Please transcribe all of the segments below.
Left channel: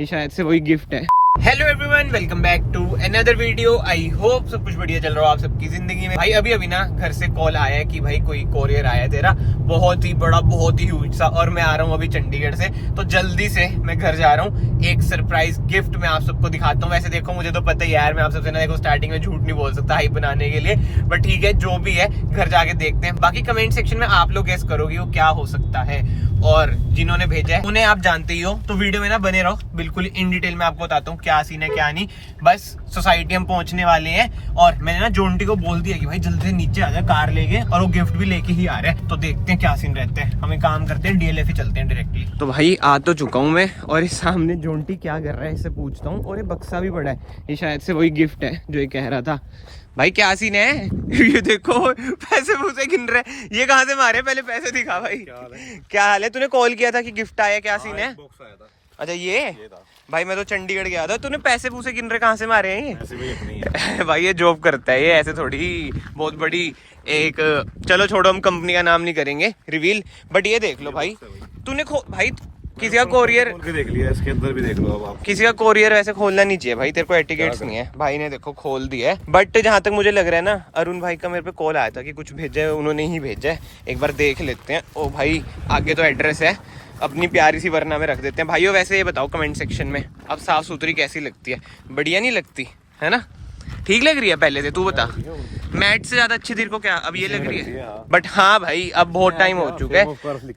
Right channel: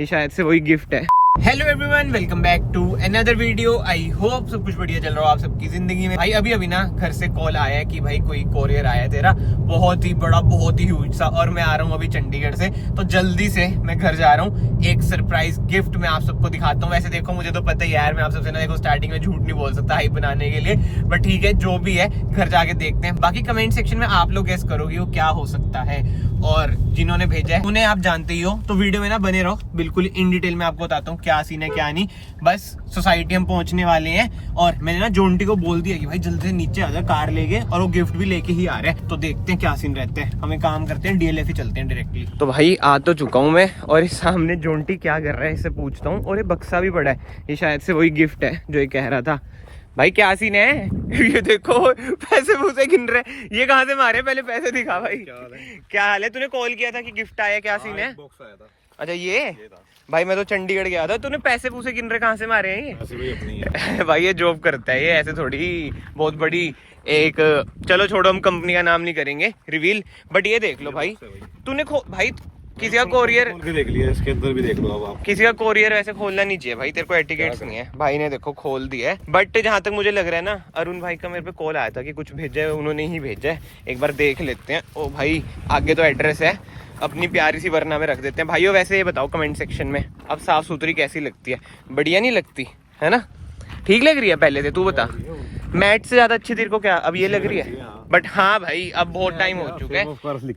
ये शायद से वही गिफ्ट है। Hello everyone, welcome back to another video. I hope सब कुछ बढ़िया चल रहा हो आप सबकी जिंदगी में। भाई अभी ना घर से कॉल आया है कि भाई कोई कोरियर आया है तेरा, बहुत ही बड़ा, बहुत ही ह्यूज सा, और मैं आ रहा हूँ अभी चंडीगढ़ से, तो जल्दी से मैं घर जा रहा हूँ। एक सरप्राइज गिफ्ट मैं आप सबको दिखाता हूँ। वैसे देखो मुझे तो पता ही यार, मैं आप सबसे ना देखो स्टार्टिंग में झूठ नहीं बोल सकता हाइप बनाने के लिए, बट ठीक है जो भी है घर जाके देखते हैं। बाकी कमेंट सेक्शन में आप लोग गेस करोगे वो क्या हो सकता है, और जिन्होंने भेजा है उन्हें आप जानते ही हो, तो वीडियो में ना बने रहो, बिल्कुल इन डिटेल में आपको बताता हूँ क्या सीन है क्या नहीं। बस सोसाइटी हम पहुंचने वाले हैं, और मैंने ना जोंटी को बोल दिया कि भाई जल्दी से नीचे आ जा कार लेके, और वो गिफ्ट भी लेके ही आ रहे हैं, तो देखते हैं क्या सीन रहते हैं। हम एक काम करते हैं, डीएलएफ ही चलते हैं डायरेक्टली। तो भाई आ तो चुका हूँ मैं, और इस सामने जोंटी क्या कर रहा है इससे पूछता हूँ, और ये बक्सा भी पड़ा है, ये शायद से वही गिफ्ट है जो ये कह रहा था। भाई क्या सीन है? ये देखो पैसे मुझे गिन रहे, ये कहाँ से मारे? पहले पैसे दिखा भाई। क्या हाल है? तूने कॉल किया था कि गिफ्ट आया, क्या सीन है? बॉक्स आया था। अच्छा ये भाई मैं तो चंडीगढ़ गया था, तूने पैसे पूसे गिन रहे, कहाँ से मारे हैं ये? ऐसे भी अपनी है। भाई ये जॉब करता है, ये ऐसे थोड़ी बहुत बड़ी एक, चलो छोड़ो हम कंपनी का नाम नहीं करेंगे रिवील, बट ये देख लो भाई तूने भाई किसी का कोरियर खोल के देख लिया, इसके अंदर भी देख लो अब आप। किसी का कोरियर वैसे खोलना नहीं चाहिए भाई, तेरे को एटिकेट्स नहीं है। भाई ने देखो खोल दिया है, बट जहां तक मुझे लग रहा है ना, अरुण भाई का मेरे पे कॉल आया था कि कुछ भेजा है, उन्होंने ही भेजा है, एक बार देख लेते हैं। ओ भाई आगे तो एड्रेस है, अपनी प्यारी सी वरना में रख देते हैं। भाइयों वैसे ये बताओ कमेंट सेक्शन में, अब साफ सुथरी कैसी लगती है? बढ़िया नहीं लगती है ना? ठीक लग रही है पहले से? तू बता, मैट से ज्यादा अच्छी तेरे को क्या अब ये लग रही है? बट हाँ भाई अब बहुत टाइम हो चुका है।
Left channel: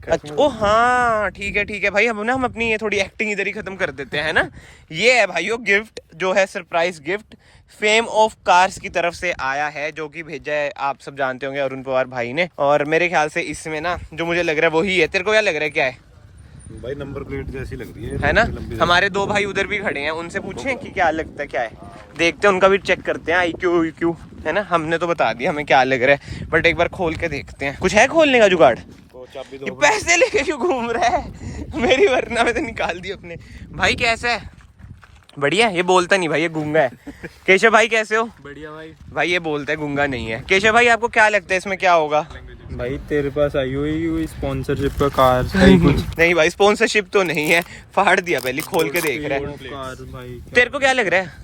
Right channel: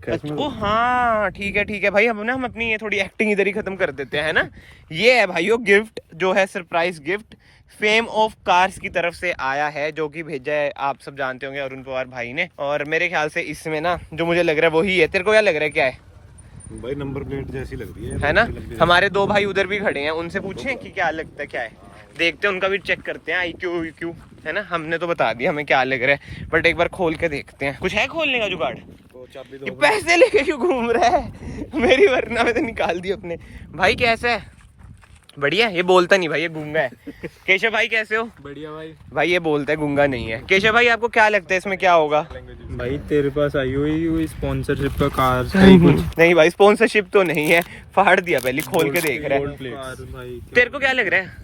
अच्छा ओ हाँ ठीक है भाई, हम अपनी ये थोड़ी एक्टिंग इधर ही खत्म कर देते हैं ना। ये है भाइयों गिफ्ट, जो है surprise gift fame of cars की तरफ से आया है, जो कि भेजा है आप सब जानते होंगे अरुण पवार भाई ने, और मेरे ख्याल से इसमें ना जो मुझे लग रहा है वही है। तेरे को क्या लग रहा है क्या है? भाई नंबर प्लेट जैसी लग रही है ना? हमारे दो भाई उधर भी खड़े हैं, उनसे पूछें कि क्या लगता है क्या है, देखते हैं, उनका भी चेक करते हैं IQ है ना। हमने तो बता दिया हमें क्या लग रहा है, बट एक बार खोल के देखते हैं। कुछ है खोलने का जुगाड़? ये पैसे लेके क्यों घूम रहा है? मेरी वरना में तो निकाल दी अपने। भाई कैसा है? बढ़िया। ये बोलता नहीं भाई, ये गूंगा है। केशव भाई कैसे हो? बढ़िया भाई ये बोलता है, गूंगा नहीं है। केशव भाई आपको क्या लगता है इसमें क्या होगा? भाई तेरे पास आई हुई स्पॉन्सरशिप का कार नहीं भाई स्पॉन्सरशिप तो नहीं है, फाड़ दिया पहले, खोल के देख रहा है। तेरे को क्या लग रहा है?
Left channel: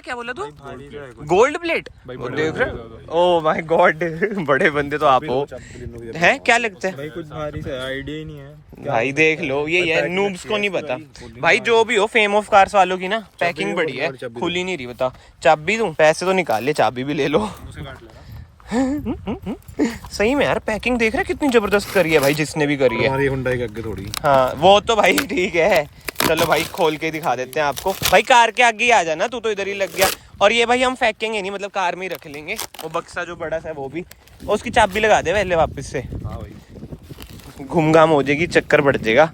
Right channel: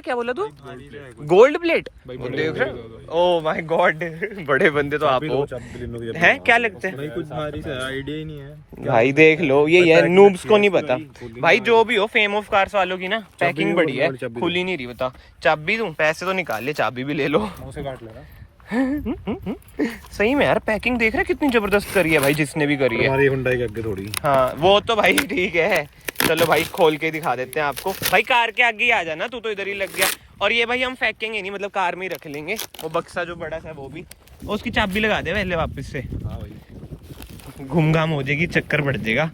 क्या बोला तू? गोल्ड प्लेट देख रहे हो? ओ माय गॉड, बड़े बंदे तो आप हो। हैं क्या लगता है भाई? कुछ भारी सा आइडिया ही नहीं है भाई, देख लो ये है, नूब्स को नहीं पता भाई। जो भी हो फेम ऑफ कार्स वालों की ना पैकिंग बढ़िया है, खुली नहीं रही। बता चाबी दूं? पैसे तो निकाल ले, चाबी भी ले लो। सही में यार पैकिंग देख रहे कितनी जबरदस्त करी है भाई, जिसने भी करी है। हमारी हुंडई के आगे थोड़ी। हाँ वो तो भाई ठीक है, चलो भाई खोल के दिखा देते हैं आपको। भाई कार के आगे ही आ जाना, तू तो इधर ही लग गया। और ये भाई हम फेंकेंगे नहीं, मतलब कार में ही रख लेंगे। वो बक्सा जो बड़ा सा है वो भी, उसकी चाबी लगा दे पहले वापस से, घूम घाम हो जाएगी, चक्कर बढ़ जाएगा।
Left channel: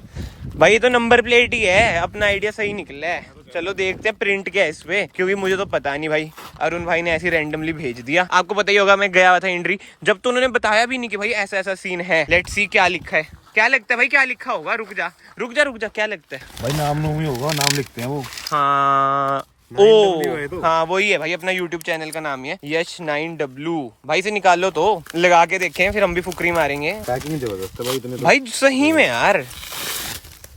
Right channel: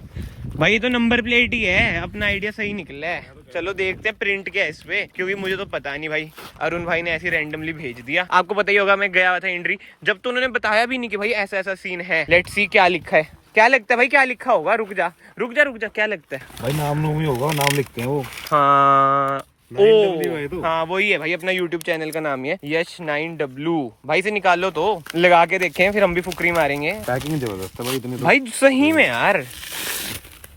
भाई ये तो नंबर प्लेट ही है, अपना आइडिया सही निकला है। चलो देखते हैं प्रिंट क्या है इस पे, क्योंकि मुझे तो पता नहीं भाई, अरुण भाई ने ऐसे रैंडमली भेज दिया। आपको पता ही होगा मैं गया हुआ था इंड्री, जब तो उन्होंने बताया भी नहीं कि भाई ऐसा ऐसा सीन है। लेट्स सी क्या लिखा है। क्या लगता है भाई क्या लिखा होगा? रुक जा क्या लगता है भाई? नाम ही होगा, नाम लिखते हैं वो। हाँ तो। हाँ वही है भाई, अपना YouTube चैनल का नाम ही है यश 9W। भाई से निकाल लो तो, लगा के देखें, फिर हम भी फुकरी मारेंगे। पैकिंग जबरदस्त है भाई, इतने भाई सही में यार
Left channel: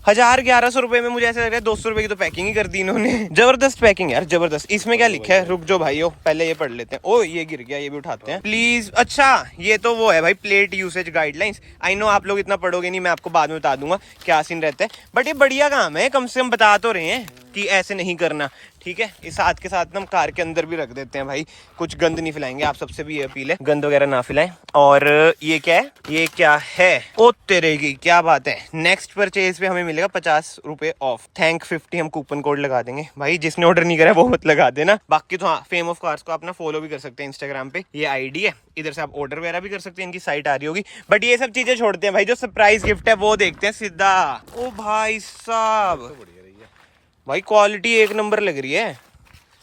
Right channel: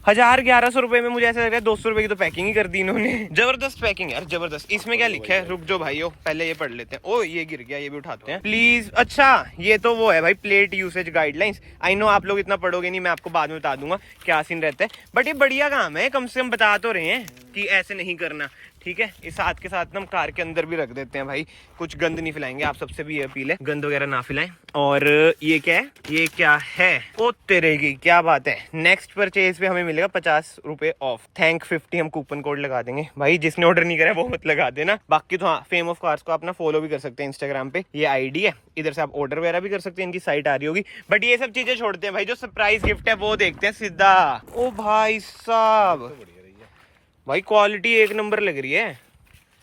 1000-1100 रुपए में मुझे ऐसा लग रहा है 200 रुपए की तो पैकिंग ही कर दी इन्होंने। जबरदस्त पैकिंग यार, जबरदस्त। इसमें क्या लिखा है? रुक जो भाइयों पहले ये पढ़ लेते हैं। ओ ये गिर गया, ये भी उठाते हैं प्लीज। अच्छा ये तो वो है भाई, plate usage guidelines. I know आप लोग इतना पढ़ोगे नहीं, मैं आपको बाद में बता दूंगा क्या सीन रहता है, बट ये बढ़िया काम है, कम से कम बता तो रहे हैं कि ऐसे नहीं करना। ठीक है, इस साथ के साथ हम कार के अंदर भी रख देते हैं भाई, कुछ गंद नहीं फैलाएंगे। आप सबसे भी ये अपील है, गंद वगैरह ना फैलाएं। और ये क्या है? ये क्या है? ओ तेरे की क्या बात है, नेक्स्ट परचेज पे हमें मिलेगा 50 रुपए ऑफ। थैंक 50 हम कूपन कोड लगा देंगे भाई, जिसने ऑर्डर नहीं करा वो मत लगा देना। बाकी तो हाँ, फेम ऑफ कार्स को अपना फॉलो भी कर सकते हैं इंस्टाग्राम पे, ये आईडी है, इधर से आप ऑर्डर वगैरह भी कर सकते हैं, इनकी साइट आ रही होगी। बट ये सब चीजें छोड़ते हैं भाई, जो सरप्राइज गिफ्ट है वो देखते हैं सीधा। ओ भाई साहब, भाई क्वालिटी एक नंबर लग रही है।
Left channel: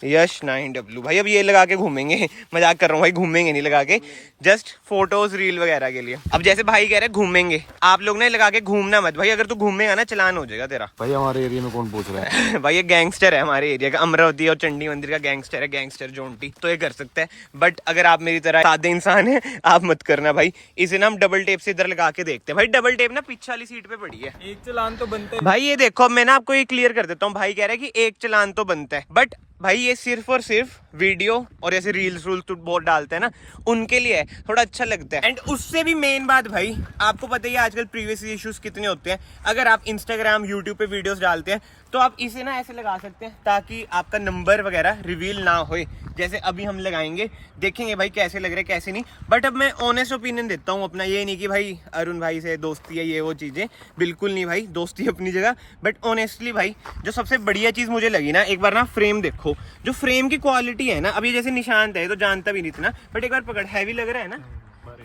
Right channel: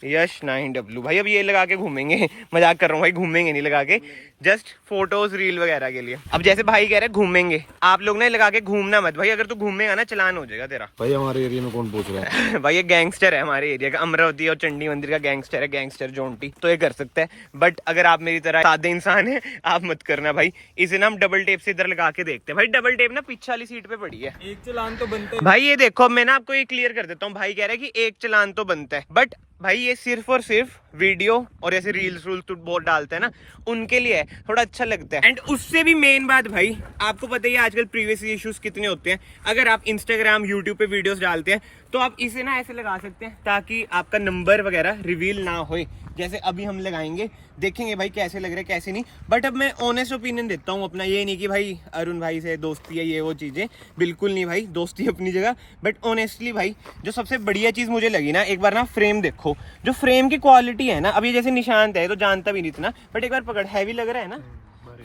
यश 9W भाई, अब ये लगा के घूमेंगे, मजाक कर रहा हूँ भाई, घूमेंगे नहीं लगा के, जस्ट फोटोज रील वगैरह के लिए। अब जैसे भाई कह रहे हैं घूमेंगे, आप लोग ना लगा के घूमना मत भाई, अगर तू घूमेगा ना चलान हो जाएगा तेरा। भाई हमारे एरिया में कौन पूछ रहा है? भाई ये गैंगस्टर है हमारे एरिया का, अमरावती और चंडी मंदिर का गैंगस्टर है, गैंगस्टर जोंटी, तो ये कर सकता है। बट अगर आप मेरी तरह सादे इंसान है आप मत करना भाई। इसे ना हम डबल टेप से इधर लगा के देखते हैं भाई। डबल टेप ना पीछे वाली सीट पे पड़ी है। एक चालान तो बनता है भाई ये देखो, मैं ना आपको ये क्लियर कर देता हूँ। भाई कह रहा है कि एक चालान तो बनता है, बट भाई ये सिर्फ और सिर्फ वीडियो और ऐसे रील्स रूल्स तो बहुत डालते हैं ना, उनके लिए है, थोड़ा अच्छा लगता है। एंड उससे भी मेन बात भाई, आपको पता ही है आजकल प्रीवियस इश्यूज कितने होते हैं। अगर आप इंस्टाग्राम यूट्यूब पे वीडियोस डालते हैं तो आप इसे ना ऐसे लगा सकते हैं ताकि आपका नंबर वगैरह रिवील ना होए। जैसे अभी हम लगाएंगे, देखेंगे भाई कैसे लग रहे हैं कैसे नहीं। बट अब मैं ऑनेस्ट ओपिनियन देता हूँ अपना, ये नहीं कि भाई अरुण भाई से दोस्ती है ये वो चीजें, बिल्कुल नहीं भाई, दोस्ती अपनी जगह। बट ऑनेस्टली भाई जो सबसे बढ़िया चीज मुझे लगी ना, एक बार ना फ्रेम देखो, जो फ्रेम की क्वालिटी है ना, अभी जैसे निशांत है तो जानता भी नहीं इतना, बट एक बार पकड़, हैवी लग रहा है ना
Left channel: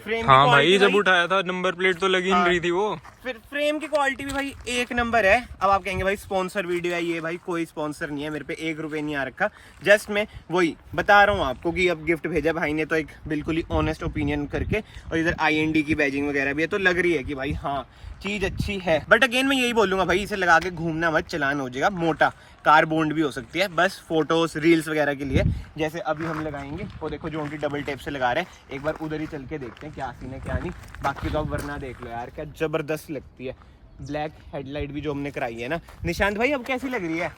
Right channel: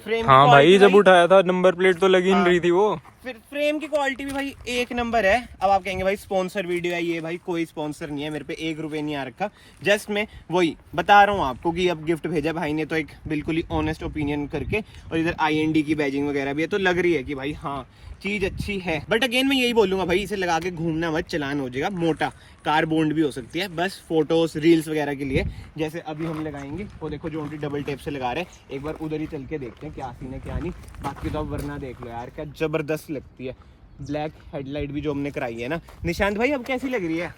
फ्रेम। हाँ भाई, जब उठाया था नंबर प्लेट तो लगी नहीं रही थी वो। फिर फ्रेम की क्वालिटी भी भाई एक नंबर है। अब आप कहेंगे भाई स्पॉन्सर वीडियो है ये, भाई कोई स्पॉन्सर नहीं है, मेरे पे 1 रुपए नहीं आ रखा। जस्ट मैं वही बता रहा हूँ आपको कि अब गिफ्ट भेजा भाई ने तो एक बिल्कुल ही ऑनेस्ट ओपिनियन करके, और इधर IND की बैजिंग वगैरह भी है, तो लग रही है कि भाई हाँ चीज अच्छी है। बट अगेन मैं यही बोलूंगा भाई, इसे लगा के घूमना मत, चलान हो जाएगा मोटा, कार बॉन्ड भी हो सकती है, बस फोटोज रील्स वगैरह के लिए। जैसे अभी हम लगाएंगे वो देखो, जो उनकी डबल टेप से लगा रहे हैं, एक बार उधर ही चल के देखते हैं क्या सीन है क्या नहीं। बाकी तो अब वरना देख लो यार, क्या जबरदस्त लगती है। ब्लैक हेडलाइट भी जो हमने कराई है ना। निशांत भाई अब कैसी लग रही है?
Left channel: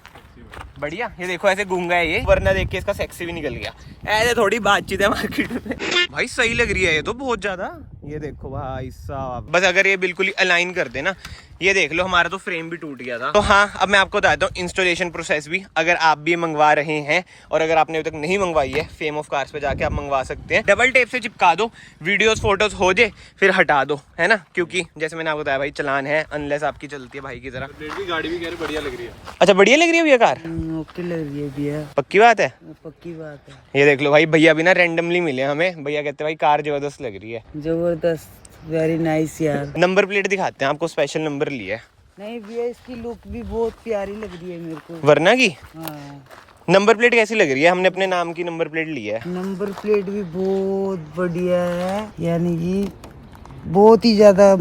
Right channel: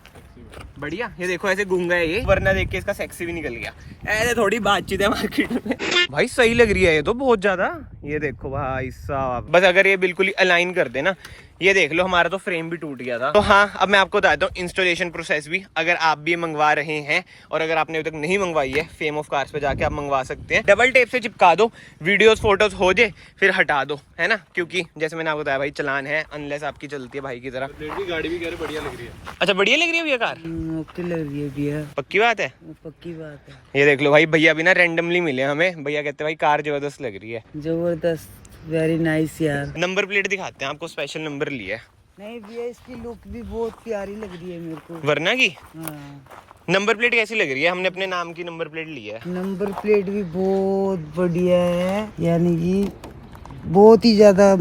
बढ़िया। ये देखो ऐसे गूंगा है ये, वरना देख के इसका सेक्सी भी निकल गया। ऐसे थोड़ी बातचीत है मार्केट में। भाई सही लग रही है ये तो बहुत ज्यादा। ये देखो भाई साहब, बस अगर ये बिल्कुल ही अलाइन कर दे ना, ये देख लो हमारा तो फ्रेम भी टूट गया था। तो हाँ, अब मैं आपको बताता हूँ इंस्टॉलेशन प्रोसेस भी, अगर आप भी मंगवा रहे हैं और अगर आपने अभी तक नहीं मंगवाई है, फेम ऑफ कार्स पे जाके आप मंगवा सकते हैं। डबल टेप से चिपका दो, वीडियोस फोटोज हो जाए फिर हटा दो, है ना, क्योंकि जैसे मैंने आपको बताया भाई चलान है, अनलेस आपकी चलती है भाई की तरह। गाड़ी भी कह रही बढ़िया लग रही है। अच्छा बढ़िया लग रही है भैया कार? ओके लग रही है भैया, पक्की बात है? पक्की बात है। ये देख लो भाई, भैया भी ना रैंडमली मिले हमें, भैया कहते हैं भाई कार जबरदस्त लग रही है। जबरदस्त, वेरी नाइस यार। नंबर प्लेट दिखाते हैं आपको, स्पेशल नंबर लिया है। नहीं भैया, इसकी लुक भी बहुत प्यारी लग रही है मेरे को। वरना की हाँ, नंबर प्लेट कैसी लग रही है? हमने अपने नाम की नंबर प्लेट ली है। नंबर प्लेट भी बहुत बढ़िया है, यानी कि बहुत ही ज्यादा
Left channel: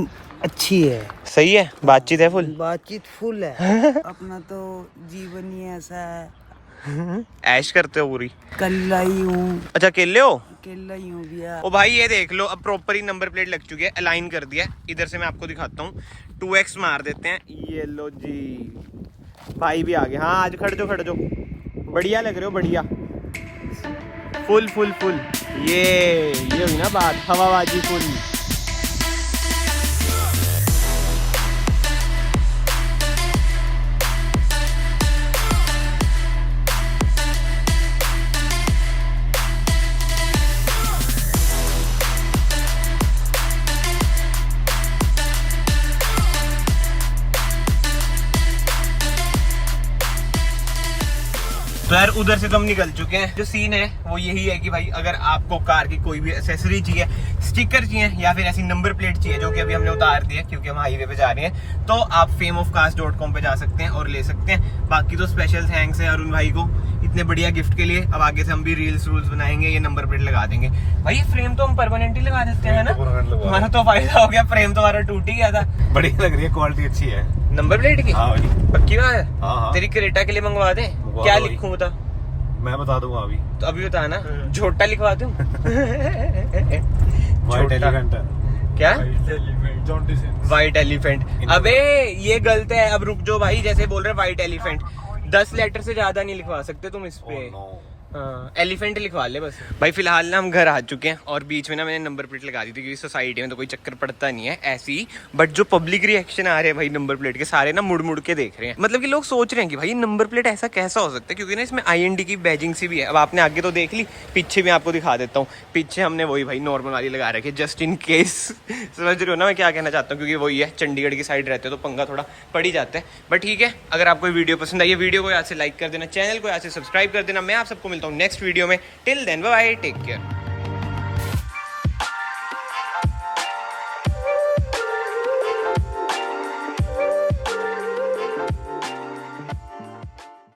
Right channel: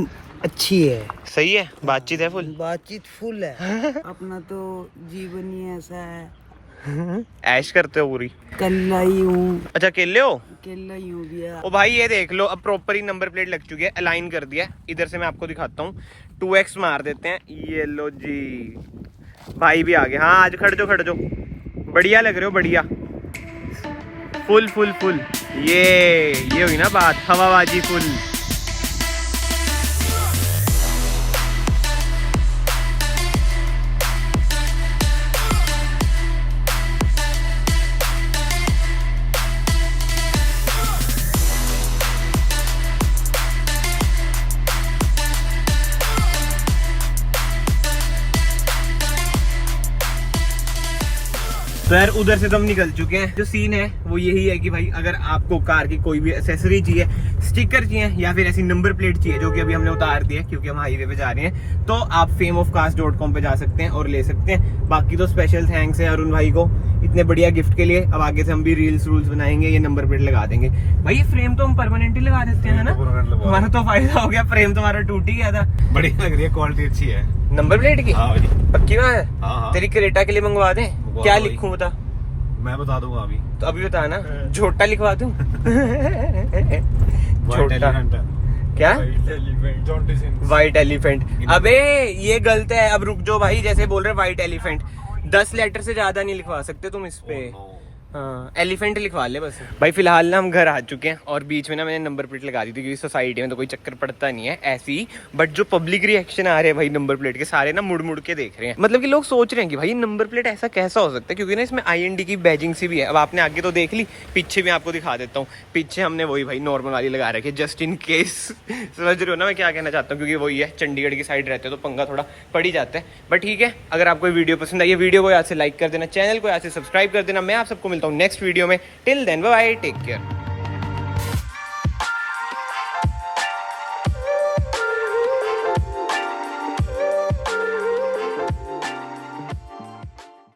अच्छी है। सही है, बातचीत है फुल, बातचीत फुल है। अपना तो जीवन ही ऐसा है, ऐश करते हो पूरी। कल आई हूँ, अच्छा अकेले हो? अकेला ही हूँ भैया। ओ भाई ये देख लो, अब प्रॉपर ही नंबर प्लेट लग चुकी है, अलाइन कर दिया है। इधर से मैं आपको दिखाता हूँ, 2x मार देते हैं। ये लो जी, भाई भी आ गए। हाँ आज खड़ जो, बढ़िया लग रहे हो, बढ़िया, फुल फुल फुल। ये हुई ना बात, हवाबाजी फुल। तो यार उधर से तो हम निकल चुके हैं। जो सीन है वो यही है कि भाई अगर आपको कार की कोई भी एक्सेसरी चाहिए, स्टिकर चाहिए या फिर ऐसी नंबर प्लेट चाहिए, जो कि अभी हमने उतार दी है क्योंकि हम हाईवे पे जा रहे हैं, तो आप fameofcars.com पे जा सकते हैं और ले सकते हैं। बाकी तो स्पेशल थैंक्स है अरुण भाई को इतने बढ़िया गिफ्ट के लिए। अब आगे से हम भी रील्स रूल्स बनाएंगे, ये नंबर प्लेट लगा देंगे। भाई ये फ्रेम तो हम परमानेंटली लगा देते हैं ना, हमारा तो फायदा हो गया, फ्रेम तो हमारा टूट ही गया था। बढ़िया लग रही है, क्वालिटी अच्छी है। नंबर प्लेट की? हाँ भाई, पक्की बात है? हाँ। तेरी क्रेटा के लिए मंगवा दे, क्या भाई। लिखूं बता? मैं बता दूंगा अभी। तो अभी बता ना, छोटा लिखवा दूं? वाइट एलिफेंट क्या? White elephant? इन- अबे ये गलत है, अब रुक जाओ भाई, जैसे बोल रहे व्हाइट एलिफेंट, 10 लेटर से ज्यादा नहीं लिखवा सकते तुम इस पे। एलिफेंट लिखवा ले बस। भाई फिलहाल ना हम घर आ चुके हैं और बीच में ना मैंने नंबर प्लेट लगा दी थी क्योंकि सोसाइटी में तो कोई चक्कर पड़ता नहीं है ऐसी ही। बट जो पब्लिक रिएक्शन आ रहे हैं भाई नंबर प्लेट के, सारे ना मुड़ मुड़ के देख रहे हैं। मतलब कि लोग सोच रहे हैं कि भाई नंबर प्लेट ऐसा कैसा हो सकता है, क्योंकि ना इसमें IND की बैजिंग सी भी है। अब आपने आगे तो देख ली, पीछे भी आपको दिखा देता हूँ। पीछे हमने वही भाई नॉर्मल वाली लगा रखी है, जस्ट इन केस। समझ रहे हो ना मैं क्या कहना चाहता हूँ, क्योंकि वही है, चंडीगढ़ की साइड रहते हो तो पंगा थोड़ा पड़ ही जाता है। बट ठीक है, अगर आपको वीडियो पसंद आई है, वीडियो को यहाँ से लाइक कर देना, चैनल को यहाँ से सब्सक्राइब कर देना। मैं आप सबको मिलता हूँ नेक्स्ट वीडियो में। Till then bye bye, take care.